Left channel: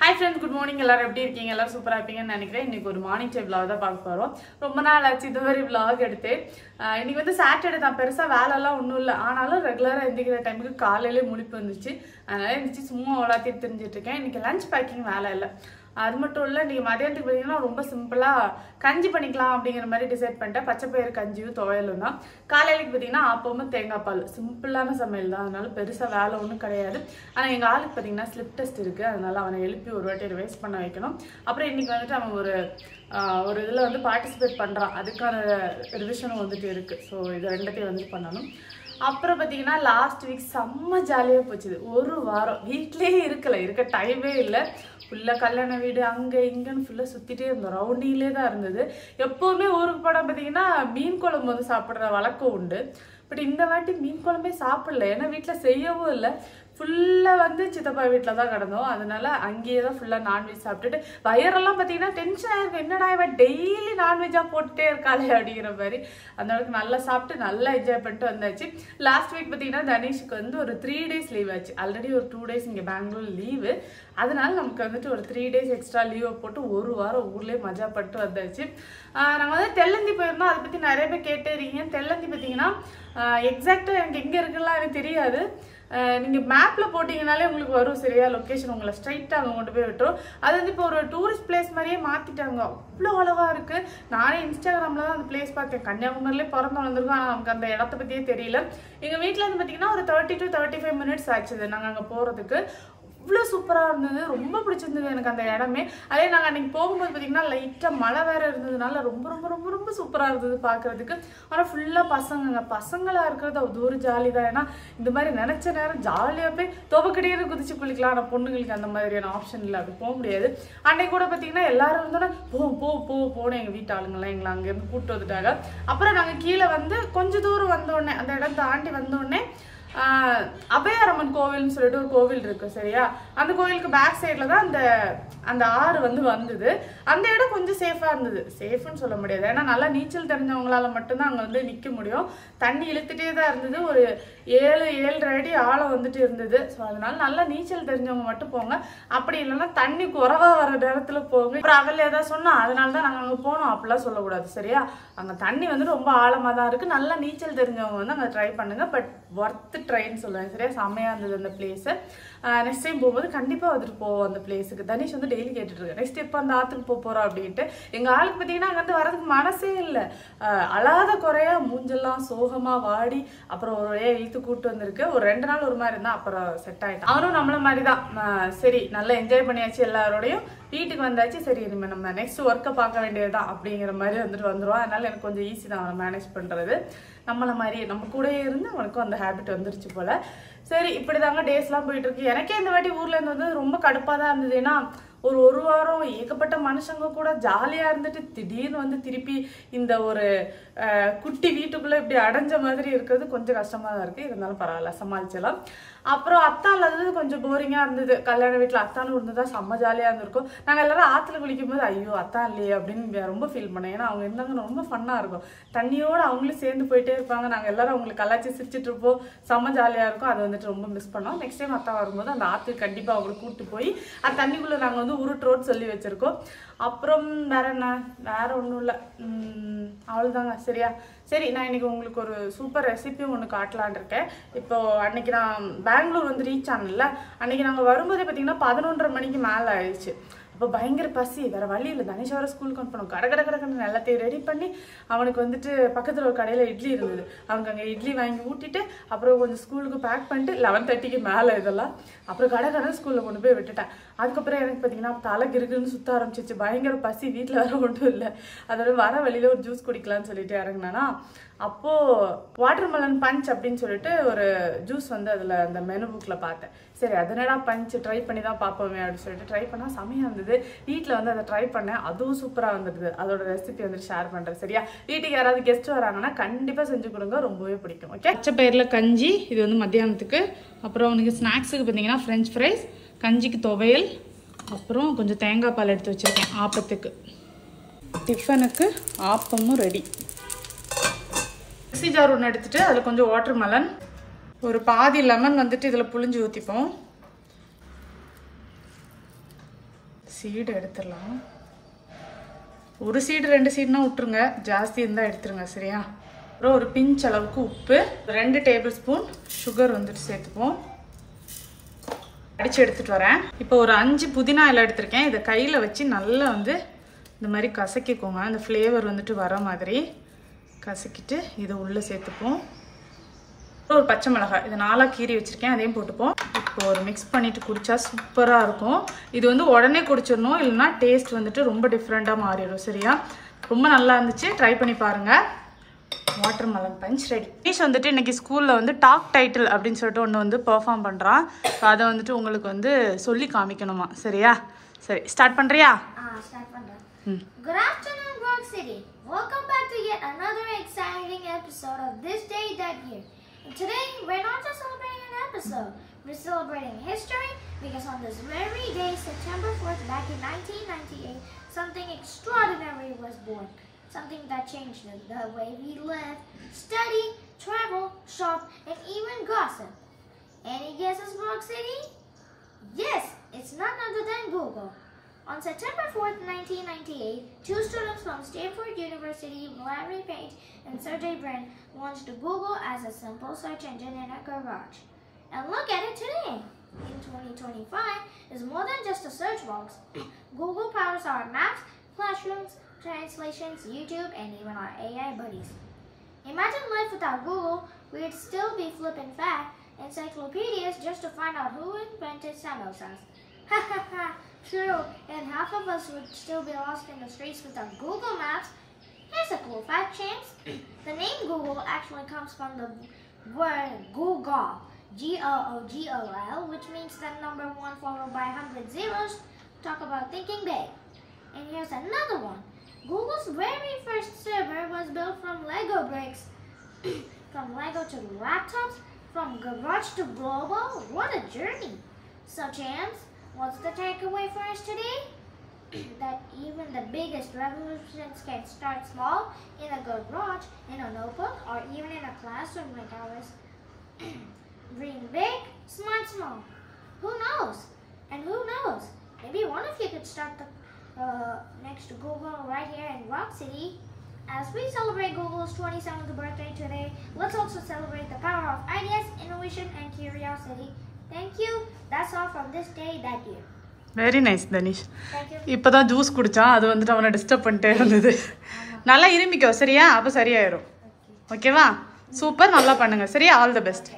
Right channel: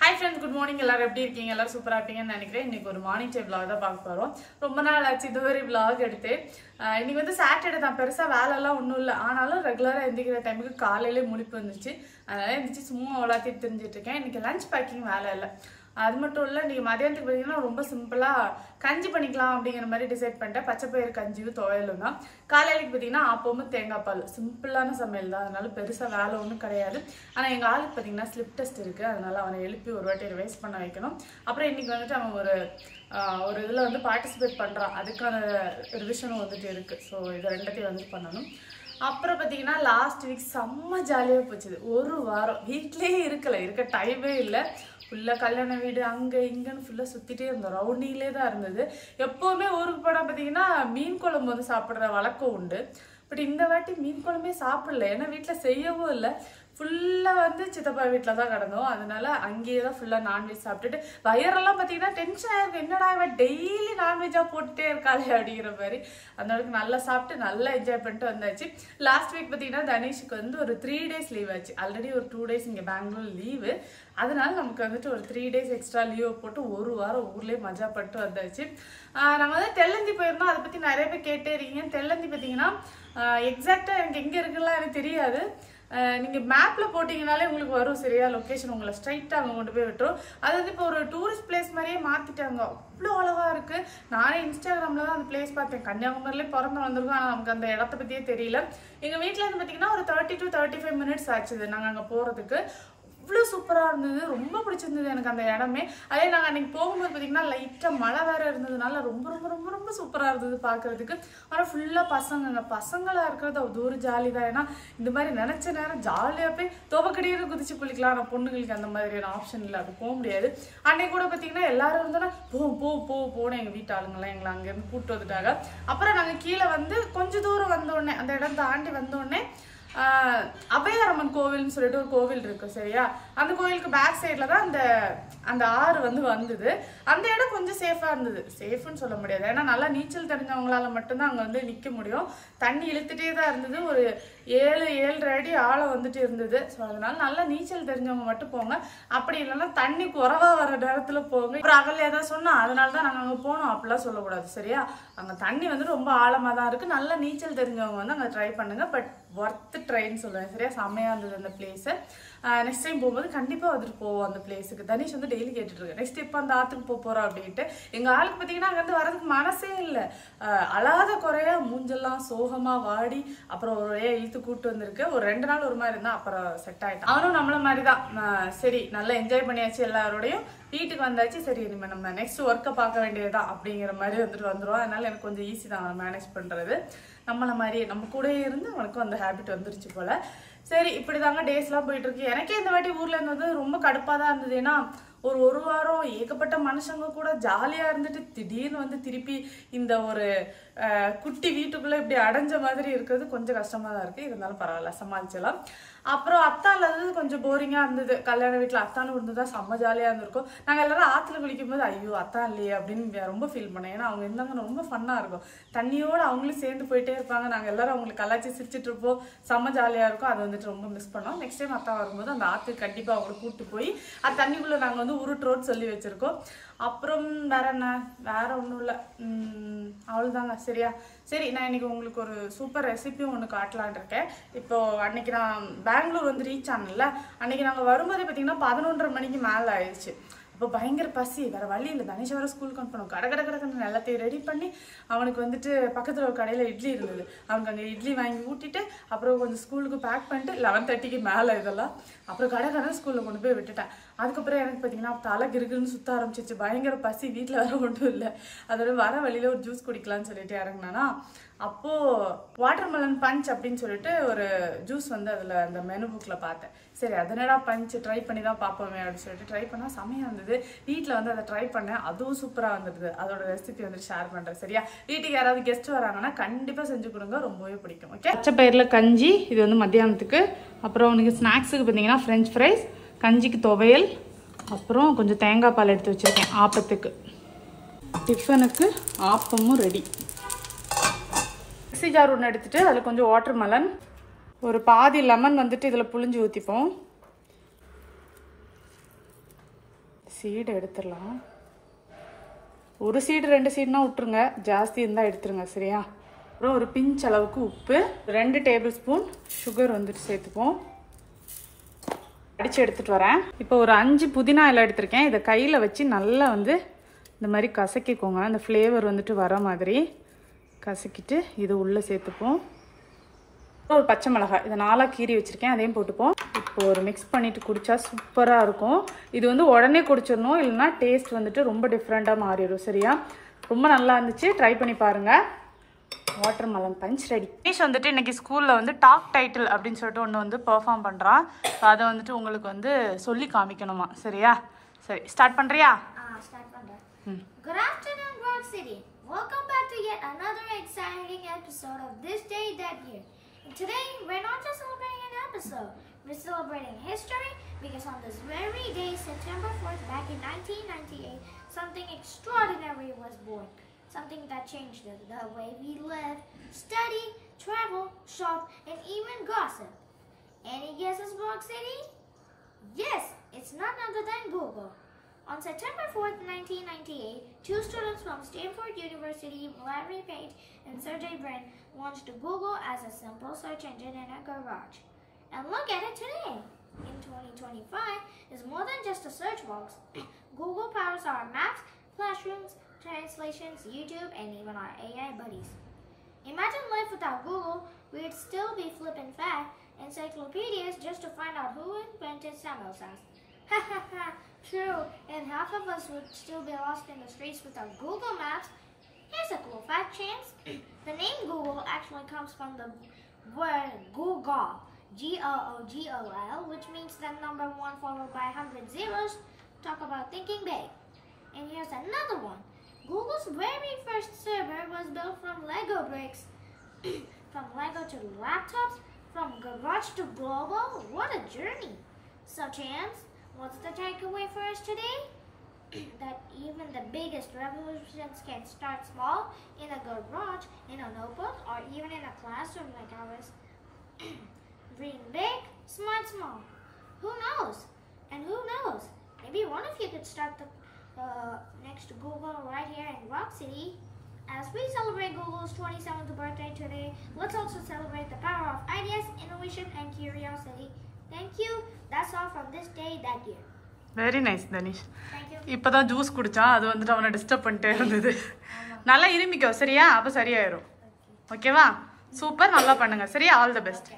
Hi friends, good morning. எல்லாரும் எப்படி இருக்கீங்க? எல்லாரும் சூப்பரா இருப்பீங்கன்னு நினைக்கிறேன். இன்னைக்கு ஒரு மார்னிங் டைம் vlog தான் பார்க்க போறோம். ரொம்ப நாள் ஆச்சு இது வரை vlog எடுத்து. இன்னைக்கு வந்து சாட்டர்டே தான், பெருசா வேலை எல்லாம் ஒண்ணும் இல்ல. ஆனாலும் ரெகுலரா எந்திக்கிற டைமுக்கு காலையிலே முழிப்பு வந்துச்சு. அதனால எந்திரிச்சு சும்மா உலாத்திட்டு தெரிஞ்சிட்டு இருக்கேன். இன்னைக்கு லஞ்ச் பேக்கிங் வேலை இல்லை. அது மட்டும் இல்லை, இன்னைக்கு மதியானத்துக்கு பார்த்தீங்கன்னா ரொம்ப சிம்பிளாக கஞ்சி பண்ணிக்கலாம் அப்படிங்கிற மாதிரி டிசைட் பண்ணிட்டேன். பச்சைப்பயிறு கஞ்சியும் துவையலும் தான். காலையிலைக்கு பார்த்தீங்கன்னா ஆப்பமும் தேங்காய் பால், சிம்பிளான சமையல் தான். அதனால பெருசாக வேலை ஒன்றும் கிடையாது. ஆனால் எங்கள் ஆளுக்கு பார்த்தீங்கன்னா ஸ்லிப் டெஸ்ட் இருக்குது. அதனால அவனை எழுப்பி ஒரு வாட்டி ரிவைஸ் பண்ண வைக்கணும். அப்புறம் இன்னைக்கு வந்துட்டு அவன் ஒரு இதில் வந்து பார்ட்டிசிபேட் பண்ணுறான். அதுக்கான ரிவிஷனும் வந்துட்டு இருக்குது. ஸோ இது ரெண்டத்தையும் வந்துட்டு பண்ணணும். அப்புறம் பார்த்தீங்கன்னா லாஸ்ட் வீக் செம்ம ஜாலியாக போச்சுது. ஒரு வாரம் வீட்லேயே இருக்க டைமே இல்லை. ஃபுல்லாக கல்யாண வீடு அங்கே இங்கேன்னு ஃபுல்லாக சுற்றிட்டே இருந்தோம். ரவுண்டிங்லேயே தான் இருந்தது. எப்போவுமே ஊருக்கு போனால் பார்த்தீங்கன்னா மீன் குழம்பு வந்து சாப்பிட்ற வழக்கம் உண்டு. பட் இந்த வாட்டி மீன் குழம்பே சாப்பிடல. ஏன்னா வீட்டில் செய்யவும் இல்லை. ஃபுல்லாக வந்து சித்தப்பா வீட்டில் தான் கிடந்தோம். அதனால அங்கேயே தான் ஃபுல்லாக நான்வெஜ் சாப்பிட்டுட்டு வயரெல்லாம் பார்த்தீங்கன்னா டென்ஷன் ஆயிருக்கு. என்னடா இவன் டெய்லி நான்வெஜ்ஜாக போட்டுட்டே இருக்காளே அப்படிங்கிற மாதிரி. அந்த அளவுக்கு நல்லா சாப்பிட்டு நல்லா என்ஜாய் பண்ணிட்டு வந்தாச்சு. லாஸ்ட் வீக் பார்த்தீங்கன்னா தனேஷுக்கு வந்து ஒரு 3 days லீவ் ஆச்சு. ஆல்ரெடி ஒரு 2 days இங்கே பெங்களூர் லீவு. அதனால நமக்கு வந்துட்டு ஒரு 3 days எக்ஸ்ட்ரா லீவை போட்டு ஒரு வாரம் ஊர்லேயே மஜா பண்ணிட்டு வந்தாச்சு. நாங்கள் வந்து தெல்லந்தி போயிருந்தோம். அதை பற்றி நிறைய பேர் கேட்டே இருக்கீங்க. தெல்லந்தி பார்த்தீங்கன்னா எக்ஸாக்டாக எனக்கு எங்கே இருக்குலாம் எனக்கு தெரியாது. நீங்கள் மேப்பில் போட்டிங்கனாலே உங்களுக்கு வரும் சரியா லொக்கேஷன். உங்களை ஸ்ட்ரைட்டாக அங்கே கொண்டு போய் விட்டுரும். அது வந்து இப்போ ஒரு டூரிஸ்ட் பிளேஸ் மாதிரியே மாற்றிட்டாங்க. அவ்வளோ அழகாக இருக்குது. நானே இன்ஸ்டாகிராமில் தான் அந்த பிளேஸ் பார்த்தேன். கன்னியாகுமரியிலே பிறந்து வந்திருக்கோம். ஆனால் நமக்கு அந்த இடத்த பற்றியே தெரியல. எங்கள் வீட்டில் வந்து பார்த்தீங்கன்னா ஒரு 30 to 35 minutes ஆச்சுது நாங்கள் அங்கே போகிறதுக்கு. அவ்வளோ சூப்பராக இருந்தது. ரொம்ப பிடிச்சிருந்தது எனக்கு அந்த இடமே. அதே நாங்கள் அன்றைக்கி போகும்போது பார்த்தீங்கன்னா லைட்டாக மழை வேறு இருந்ததுனால ரொம்ப ரொம்ப ரொம்ப ரொம்ப சூப்பராக இருந்தது பார்க்குறதுக்கு. ஆனால் ஃபுல்லாக பசங்களாக இருக்கிறது அது ஒரு ஜாலி தான். ஏன்னா இந்த மாதிரி நினச்ச நேரம் ஜாலியாக போய் துவக்கடியில் குதிச்சு குளிக்கலாம். ஆனால் பொண்ணுங்களுக்கு அந்த மாதிரியான ஆப்ஷன் இல்லை, அது போக முடியாது. அன்றைக்கு கூட பார்த்தீங்கன்னா எல்லாரும் இருந்தோன்னா போனேன். எங்கள் வீட்டு ஆளுங்கள்லாம் எங்களை அங்கேருந்து கூப்பிட்டு வந்துட்டாங்க. அப்புறம் நாங்கள் கீழே வந்து கொஞ்சம் தூரம் வந்தோடனே, அந்த இடம் தாண்டி வந்தோடனே அபயாரம்மன் கோவில்னு சொல்லிட்டு ஒரு கோவில் இருக்கு சரியா. அந்த கோவிலுக்கு பேக் சைடில் தான் அந்த ஆறு வந்தது. அந்த இடம் கொஞ்சம் சேஃபாக இருந்தது. சேஃப்னு சொல்ல முடியாது, ஏன்னா நல்லா நீச்சல் தெரிஞ்சவங்களால மட்டும்தான் அங்கே வந்து நிற்க முடியும். தண்ணி இழுத்துட்டே தான் இருந்தது. ஒரு 7-7.5 அடி ஆழம் வந்துட்டு இருந்தது. ஸோ அதனால நல்லா நீச்சல் தெரிஞ்சவங்க மட்டும் போங்க. அப்படி இல்லைன்னா தண்ணி குறைவா வர நேரத்தில் போங்க. அப்புறம் அவள் ஏதாவது சொன்னா அதனால தான் நாங்கள் அங்கே போனோம் அப்படிலாம் சொல்லக்கூடாது சரியா. அங்கே தண்ணி வந்து ரொம்ப ஆழமாக தான் இருக்குது. நல்லா நீச்சல் தெரிஞ்சவங்க வந்து அங்கே ட்ரை பண்ணுங்க. பட் ஒர்த்து ட்ரைன்னு சொல்லுவேன் சரியா. செம்மையாக இருந்தது அந்த பிளேஸு. நெக்ஸ்ட் டைம் போகும்போது கண்டிப்பாக வந்துட்டு போவோம் அந்த பிளேஸுக்கு. தனீஷ் வந்து டெய்லி கேட்டுட்டு இருக்கேன் நெக்ஸ்ட் எப்போ அந்த ஆற்றுக்கு போகிறோம் அப்படின்ட்டு. எங்கள் ஆளுக்கு பார்த்தீங்கன்னா அங்கேருந்து வரதுக்கு மனசே இல்லை. அழாத குறையா மூஞ்செல்லாம் சோகமாக வாடி அப்புறம் ஒரு இழுத்து கூப்பிட்டு வந்திருக்கு. ஒரு 2 நாள் ஒரு மாதிரி இருந்தால் அப்புறம் செட் ஆகிட்டான். அவனும் நம்மள மாதிரி தான். சரி நல்லா என்ஜாய் பண்ணியாச்சு எல்லாரோடையும், வீட்டுக்கு வந்தாச்சு. சரி இனிமேல் நம்ம நெக்ஸ்ட் ஒர்க்கை பார்க்க வேண்டியதுதான் அப்படிங்கிற மாதிரி வந்துட்டு வந்துடுவோம். அதனால எனக்கு கொஞ்சம் ஈஸி தான் அவனை மேனேஜ் பண்ணுறது. நம்மள மாதிரி நம்ம கூட இருந்து அவனுக்கும் அந்த ஹேபிட் வந்துருச்சு போல. சரி இப்படி தாங்க டேஸ்லாம் போயிட்டு இருக்கு. எனக்கே இந்த வாட்டி ஊர்ல இருந்து வந்து ரொம்ப கடுப்பாக தான் இருந்தது. ஏன்னா ஒரு வாரம் ஏகப்பட்ட மனுஷங்க கூட ஜாலியாக இருந்துட்டு திடீர்னு வந்து திருப்பி இந்த ஒரு குட்டி வீட்டுக்குள்ளே இப்படி அடைஞ்ச மாதிரி இருக்கிறது கொஞ்சம் கஷ்டமாக தான் இருக்குது. இருந்தாலும் பரவாயில்ல, சமாளிச்சலாம். அப்புறம் அத்தா இல்லாதது கொஞ்சம் போரிங்காக இருந்தது. கல்யாண வீட்டில் அத்தானு இருந்ததா செம்ம ஜாலியாக இருந்திருக்கும். நாங்கள் எல்லாரும் ஆற்றுல குளிக்கும் போது ஐயோ அத்தா இல்லையே அப்படின்னு ரொம்ப ஃபீல் பண்ணேன். ஏன்னா அவங்க இருந்தாங்க ரொம்ப ஃபன்னாக இருக்கும். தண்ணியோடு அவங்களும் சேர்ந்து போயிட்டே இருப்பாங்க. நாங்கள் எல்லாரும் அவங்களுக்கு கலாச்சி சிரிச்சிட்டு இருப்போம். செம்ம ஜாலியாக இருக்கும். அது வந்துட்டு ரொம்ப மிஸ் பண்ணோம். நெக்ஸ்ட் டைம் அத்தா வரும்போது அந்த ஆற்றுக்கு கண்டிப்பாக அவங்களை கூப்பிட்டு போய் அந்த தண்ணிக்குள்ளே நாங்கள் வந்து உருட்டுறோன்னு சொல்லி வச்சுருக்கோம். அப்புறம் வேற ஒன்றும் இல்லை, அவ்வளோதாங்க சரியா. சரி நான் இன்னைக்கு உங்களுக்கு ஒரு சூப்பர் ரெசிபியும் ஒன்று காட்டலான் இருக்கேன். இப்போ அன்னைக்கு நான் பெங்களூர் வந்து ரீச் ஆனல, அன்னைக்கு நாங்கள் வரும்போதே பார்த்தீங்கன்னா 11:30 மணிக்கு மேலே ஆயிடுச்சு. அப்போ பயங்கர பசி, வேறு வழி இல்லை. தனேஷ் வர ஸ்கூலுக்கு அனுப்பணும். கடன்னு எல்லாத்தையும் ரெடி பண்ணி அவனுக்கு வந்துட்டு பக்கத்தில் ஒரு கடையில் இட்லி இருந்தது. அவனுக்கு அங்கே இட்லி வாங்கி ஊட்டிட்டு அப்புறம் கொஞ்சம் ஸ்கூலுக்கு பேக் பண்ணிட்டு 11:30க்கு மேலே இதெல்லாம் அப்புறம் கடை ஸ்கூலில் கொண்டு போய் விட்டுட்டேன். அதுக்கப்புறம் எனக்கு பார்த்தீங்கன்னா தலை கிருக்குன்னு சுற்ற ஆரம்பிச்சிச்சு. பயங்கர பசி, வீட்டில் வேற ஒன்றும் இல்லை. அதோட வர வழியில் ஒரு ஜூஸ் குடிக்கலான்னு சொல்லிட்டு இறங்கினானா, அப்போது வாட்டர்மெலன் பஞ்ச் அப்படின்னு சொல்லிட்டு ஒரு ஜூஸ் வந்து அதில் அந்த மெனு புக்கில் பார்த்தேன். சரி அதனடா பஞ்ச் ட்ரை பண்ணி தான் பார்ப்போமே அப்படின்னு சொல்லிட்டு ட்ரை பண்ணால் செமையாக இருந்தது. வீட்டில் வந்து அதை ட்ரை பண்ணேன், அதுவும் சூப்பராக வந்துடுது. அதோட ரெசிபி வந்துட்டு ஷேர் பண்ணுறேன் சரியா. வீட்டுக்கு யாராவது கெஸ்ட் வராங்கன்னா கண்டிப்பாக செஞ்சு கொடுங்க, ரொம்பவே பிடிக்கும். ஓகே, பச்சை பயிரில் கஞ்சி, இது வந்து மத்தியானத்துக்கு. அப்புறம் உனக்கு ஸ்நாக்ஸுக்கு பார்த்தீங்கன்னா ஃப்ரெஞ்ச் ஃப்ரைஸ், கஞ்சிக்கு துவையல், அப்புறம் கொஞ்சம் தேங்காய் பால் எடுத்து வச்சுருக்கேன் ஆப்பத்துக்கு. டிஃபனுக்கு ஆப்பமும் ரெடி. மிக்ஸி ஜார் ஒன்று எடுத்துட்டு அதில் கொஞ்சம் வாட்டர்மெலன், ஒரு பாதி லெமன் வந்துட்டு இதில் புளிஞ்சு ஊற்றிப்போம். சீடை எடுத்துடலாம். ஒரு சீடு 2 சீடுனா விட்டுருங்க, ஜாஸ்தி இருந்தால் எடுத்துருங்க சரியா. அப்புறம் ஒரு பிஞ்ச் அளவுக்கு உப்பு, 2 டேபிள் ஸ்பூன் சுகர் வந்துட்டு சேர்த்துப்போம். அடித்து எடுத்துகிட்டு வரேன். இப்போ ஒரு 5 புதினா இலை எடுத்திருக்கேன். இதை கையில் வச்சு நல்லா வந்து இந்த மாதிரி கசக்கிக்கோங்க. அந்த ஃப்ளேவர் வந்துட்டு வர மாதிரி கசக்கிட்டு இது உள்ளே சேர்த்துப்போம். ஒரு பச்சை மிளகாய் இதை 4 கீறி வச்சுருக்கேன், அதையும் போட்டுப்போம். இப்போ ஒரு மிக்ஸ் பண்ணிவிட்டு குடித்தா சூப்பராக இருக்கும். இது வந்து உடனே குடிச்சிடணும், இல்லைனா டேஸ்ட் வந்துட்டு ரொம்ப டிஃப்ரெண்ட்டாக மாறிடும் சரியா. ரொம்ப நல்லா இருந்துச்சு, ட்ரை பண்ணி பாருங்கள். Watermelon punch ready. Tanish வந்துட்டு இன்றைக்கி ஸ்கூலில் வந்து டாக் டைட்டில் அப்படின்னு சொல்லிட்டு ஒன்று வந்து பெர்ஃபார்ம் பண்ணுறான். ஸோ அதை வந்துட்டு உங்களுக்கு வந்து சொல்லி காமிக்கணுமா சரியா. சரி, ஸ்டார்ட் பண்ணுறியா? ஸ்டார்ட் பண்ணுறேன். Good afternoon, Grog City. Welcome back to yet another exciting episode of This Day That Year. And today, we're not just celebrating an episode, we're celebrating history because on this very day, September 4th, back in 1998, something extraordinary was born. Something that changed the way we live, study, travel, shop, and even gossip. Any guesses, Grog City? Yes, it's none other than Google. On September 4th, 1998, 2 students from Stanford University, Larry Page and Sergey Brin, launched Google as a simple search engine in a garage. And look at it today. In 2025, it's more than just a search box. Google powers our maps, classrooms, translations, YouTube, and even our AI buddies. Imagine life without Google. We'd still be flipping fat encyclopedias just to find out who invented samosas. Ha ha ha! True, and half of us would still be lost in the streets without Google Maps. Here's a cool fact, Chance. The name Google actually comes from the word Google, G-O-O-G-O-L, which means the number 1 followed by 100 zeros. Talk about thinking big. And here's another one. Google's very first server was built from Lego bricks. From Lego to laptops, from garage to global. What a journey. So, Chance, what's the takeaway for us today? That even the biggest revolutions can start small, in a garage, in a notebook, or even in a classroom like ours. Dream big, smart small. Who knows? And who knows? Maybe one of you could start the next Google right here in Rock City. As we celebrate Google's 27th birthday today, let's also celebrate the power of ideas, innovation, and curiosity. Thank you. That's all from This Day That Year. Very nice Tanishq. Thank you. இப்போ தான் juice குடித்தான், அது வந்துட்டு அவனை disturb பண்ணிட்டே இருந்தது. நல்லா இருமிக்கோ சரியா, அப்போ சரியாயிரும். ஓகேவா? சூப்பர், நல்லா பண்ணுங்க சரியா. All the best.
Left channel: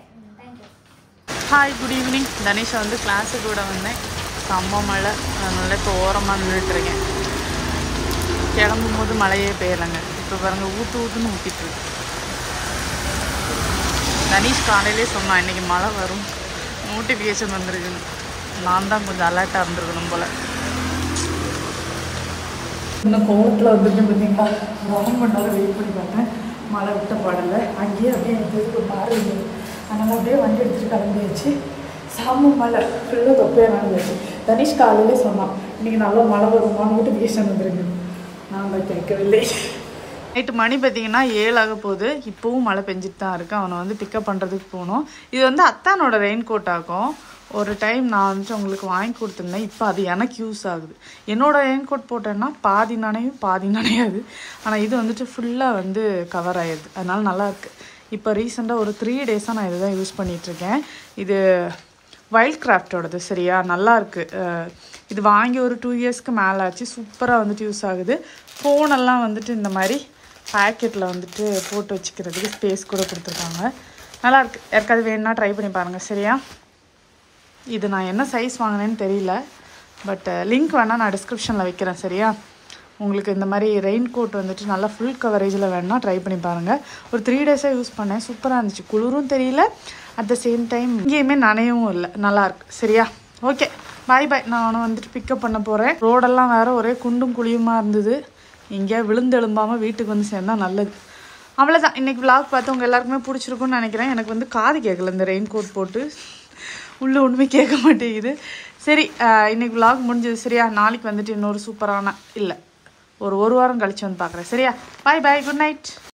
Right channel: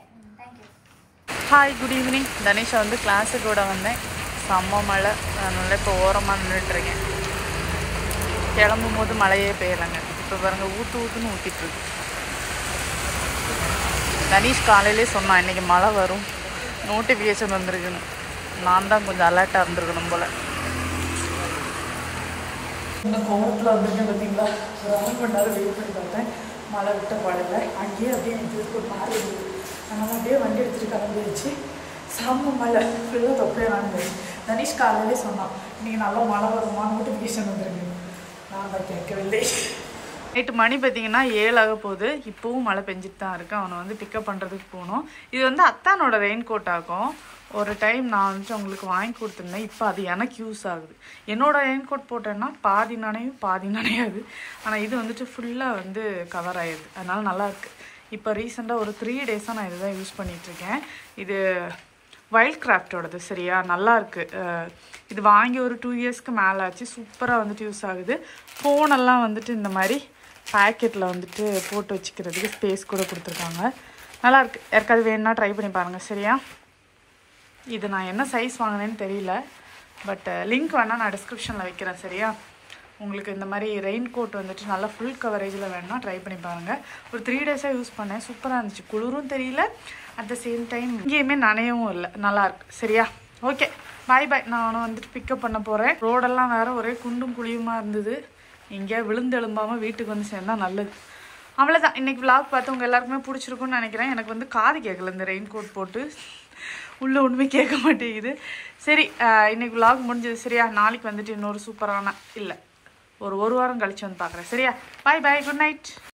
Hi, good evening. தனிஷை வந்து கிளாஸுக்கு கூட வந்தேன். செம்ம மழை, அதனால இப்போ ஓரமாக நின்றுட்டுருக்கேன். கிளம்பும் போது மழையே பெய்யலைங்க. இப்போ பாருங்க ஊற்றுன்னு ஊற்றிட்டுருக்கு. தனிஷ் காலையிலே சொன்னான் இன்றைக்கி மழை வரும், நோட்டிஃபிகேஷன் வந்திருக்குன்னு. நான் தான் கொஞ்சம் அலர்ட்டாக இருந்திருக்கணும் போல். இன்னும் கோவத்தில் வந்துருக்கேன் பார்த்தீங்களா. ஒரு 1 மணி நேரம் வெயிட் பண்ணி பார்த்தேன், மழை விட்ட பாடலை. அங்கேயே அப்படியே எனக்கு ஒரு மாறி இருந்தது, அதனால் அப்படியே வண்டி எடுத்துகிட்டு கிளம்பியாச்சு. செம்ம மழை, ஃபுல்லாக தொப்பையாக நடந்துச்சு. தனிஷ் காலையிலே சொன்னான் இன்றைக்கி நல்லா மழை வருமா, நோட்டிஃபிகேஷன் வந்துருக்கு. நான் தான் கேட்கவில்லை. நைட்டு மணி பார்த்தீங்கன்னா 7 ஆக போகுது. இப்போவும் மழை பெஞ்சிட்டு தான் இருக்குது. அவனை வந்து பிக்கப் பண்ணுறதுக்கு போகணும். இது வந்து அத்தானோட ரெயின் கோட் ஆகும். ஒரு டைம் நான் வந்துட்டு உங்களுக்கு வாங்கி கொடுத்துருந்தேன், இப்போ அது எனக்கு யூஸ் ஆகுது. என்னோடய ரெயின் கோட் போட்டேன்னா பாதி நனையும் பாதி நனையாது. ஆனால் இது வந்துட்டு ஃபுல்லாக வந்து கவர் ஆகிடுது, அதனால் நல்லாயிருக்கு. இப்போ ரீசெண்டாக ஒரு 3 டேஸாக நான் இதை தான் யூஸ் பண்ணிகிட்ருக்கேன். இது வைல்ட் கிராஃப்டோடது சரியா, நல்லாயிருக்கு. இது வாங்கி ஒரு 2 இயர்ஸ்க்கு மேலே ஆச்சு. சூப்பராக வந்துட்டு யூஸ் ஆகுது. ஃபோனெல்லாம் வந்துட்டு இந்த மாதிரி பேக்கெட்டில் வந்துட்டு போட்டு வச்சுக்கிறதுக்கு ஸ்பேஸ் கூட கொடுத்துருக்காங்க. நல்லாயிருக்கு. யாருக்காவது வேணுன்னா ட்ரை பண்ணி பாருங்கள் சரியா. இது நான் என்ன சைஸ் வாங்கினேன்னு தெரியல, பட் லிங்க் வேணால் நான் டிஸ்கிரிப்ஷனில் வைக்கிறேன் சரியா. உங்களுக்கு இந்த மாதிரி ரெயின் கோட் வந்துட்டு நல்லா ஃபுல் கவரேஜில் வேணுன்னா ட்ரை பண்ணி பாருங்கள். ஒரு 3 டேஸாக யூஸ் பண்ணேன், சூப்பராக இருந்துச்சு. குளிரும் தெரியல, அட் த சேம் டைம் இங்கேயுமே நனையவும் இல்லை, நல்லாயிருக்கு சரியா. ஓகே, பாய் பாய். நான் அவனை வந்துட்டு பிக்கப் பண்ண போகிறேன். ரோடெல்லாம் வேறு ஒரே குண்டும் குழியுமா இருந்தது. எங்கேயா விழுந்து எழும்பாமல் வீட்டுக்கு வந்து சேர்ந்தால் நல்லது. அவ்வளோதான். இன்றைக்கி விளாக் பார்த்து உங்கள் எல்லாருக்குமே பிடிச்சிருக்குன்னு நினைக்கிறேன். எனக்கு வந்து காது கேட்கல இந்த ரெயின் கோட் போட்டு, உள்ளே ஒன்றுமே கேட்க மாட்டேங்குது. சரி, இன்றைக்கி விளாக் முடிஞ்சது சரியா. நாளைக்கு வந்துட்டு இன்னொரு சூப்பரான இல்லை ஒரு வாரம் கழிச்சு வந்து பார்க்குறேன் சரியா. பாய் பாய், குட் நைட்.